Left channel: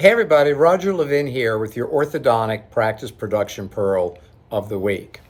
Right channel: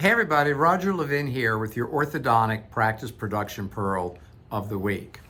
Hey everybody, Roger Levin here with your orthodontic practice production pearl of the week.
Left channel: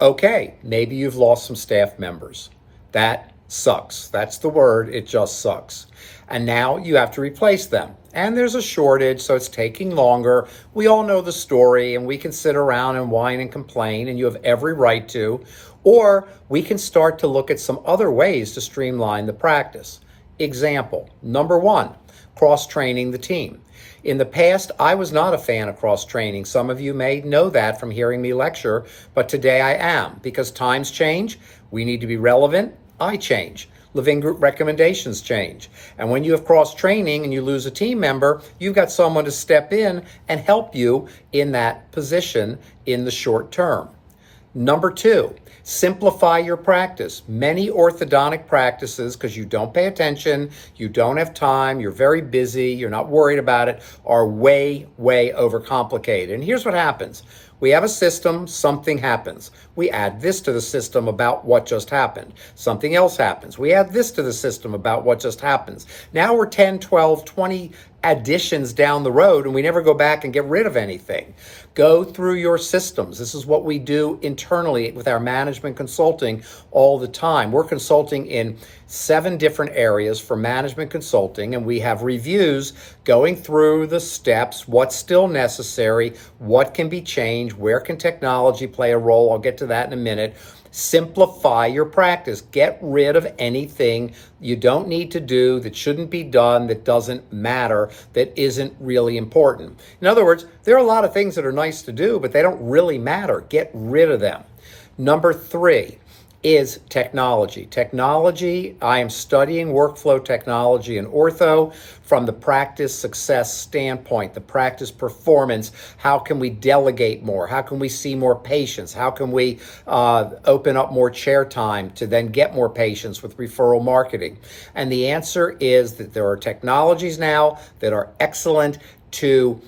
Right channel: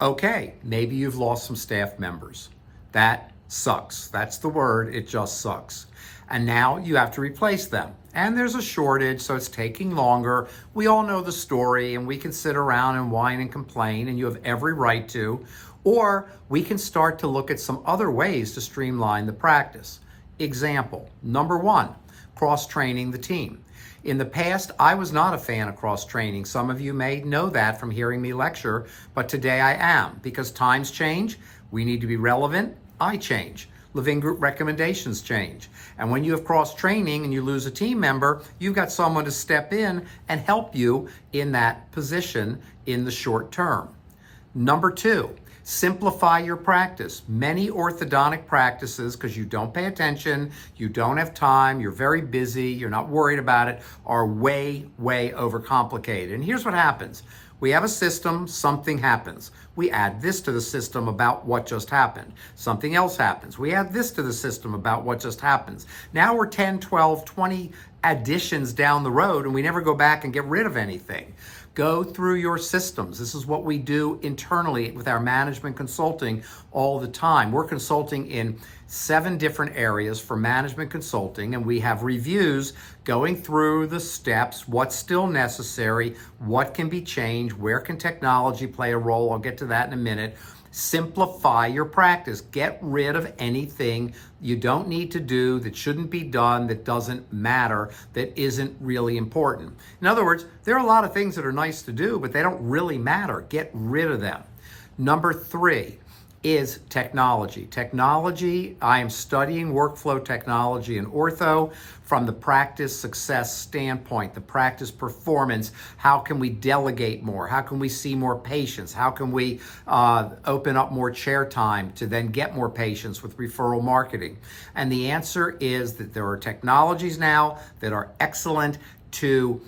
Okay, maybe you've lost some staff members. That sucks. That's the word, it just sucks. And now you have to replace them. And there's a shortage, so it's taking longer. We all know the story, and we can sit around and whine and complain, and you have every right to. Or we can start to look at some other ways to streamline the practice. Example, number one, cross-training the team. In the past, I was not a fan of cross-training. Some of you may know that from hearing me lecture, but today I am, because times change, we need to be relevant, I change. Living group recommendations change. And when you have cross-training and you lose a team member, you've got someone to step in and help you in that position in the short term. Number two, simplify your practice. Many orthodontic practices, because you don't pay attention, you don't have time, you're very busy, you're not worried about it, are way, way overcomplicated. And here's what happens. We have a system, something happens. We add this to the system about what just happened. Something else happens. We add this to the system about what just happens. Now we're 10, 12, 20 additions down the road and we never go back and get rid of anything. Go through your systems. This is what we do internally with our management consulting all the time. We're consulting in 7 different areas for management consulting, and we have reviews going through the steps, what's still necessary, what can be changed, where can technology play a role. I'll get to that in a minute. Simplify your practice. Get rid of anything you don't need to do, that shouldn't be done, that doesn't matter, that isn't really important. In other words, there are a lot of things that are nice to do, but they don't really matter. Get rid of them. Number 3 is technology. Technology, I am studying workflow technology in ortho from the practice success standpoint, the practice performance. How can we delegate more? How can we see more patients? How can we open up more chair time to then get more patients with referral marketing? And the answer is that there are technologies now that are excellent to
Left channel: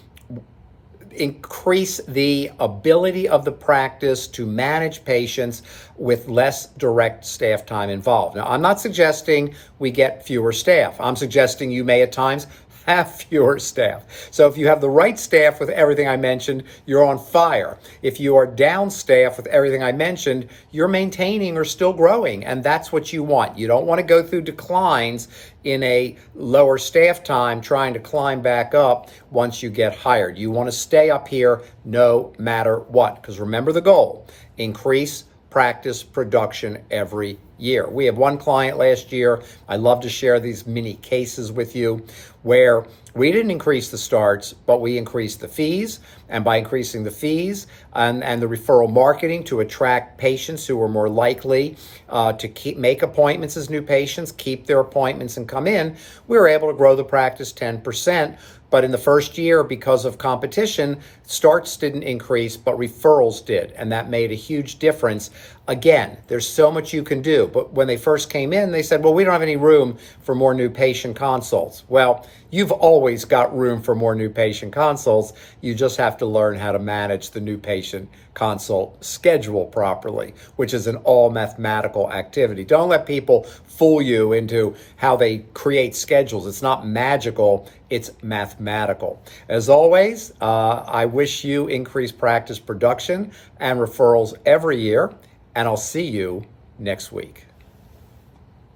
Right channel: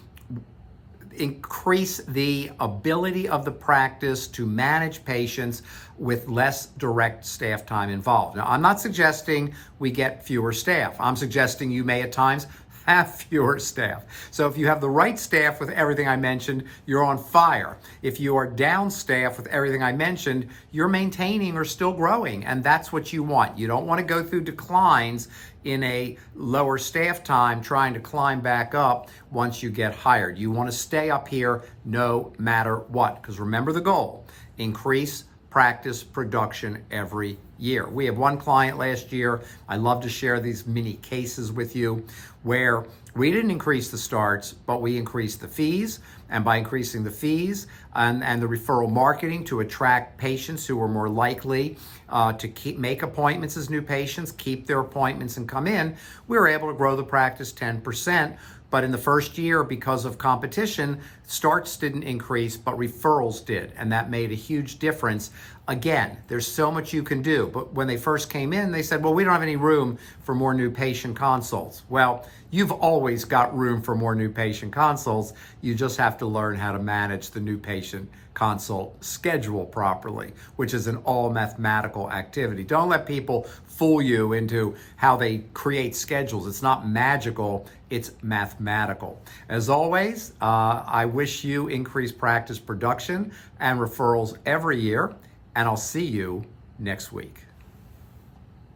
increase the ability of the practice to manage patients with less direct staff time involved. Now, I'm not suggesting we get fewer staff. I'm suggesting you may at times have fewer staff. So if you have the right staff with everything I mentioned, you're on fire. If you are down staff with everything I mentioned, you're maintaining or still growing, and that's what you want. You don't want to go through declines in a lower staff time trying to climb back up once you get hired. You want to stay up here no matter what, because remember the goal, increase practice production every year. We had one client last year, I love to share these mini cases with you, where we didn't increase the starts, but we increased the fees. And by increasing the fees and the referral marketing to attract patients who were more likely to make appointments as new patients, keep their appointments and come in, we were able to grow the practice 10%. But in the first year, because of competition, starts didn't increase, but referrals did. And that made a huge difference. Again, there's so much you can do. But when they first came in, they said, well, we don't have any room for more new patient consults. Well, you've always got room for more new patient consults. You just have to learn how to manage the new patient consult schedule properly, which is an all mathematical activity. Don't let people fool you into how they create schedules. It's not magical, it's mathematical. As always, I wish you increased practice production and referrals every year, and I'll see you next week.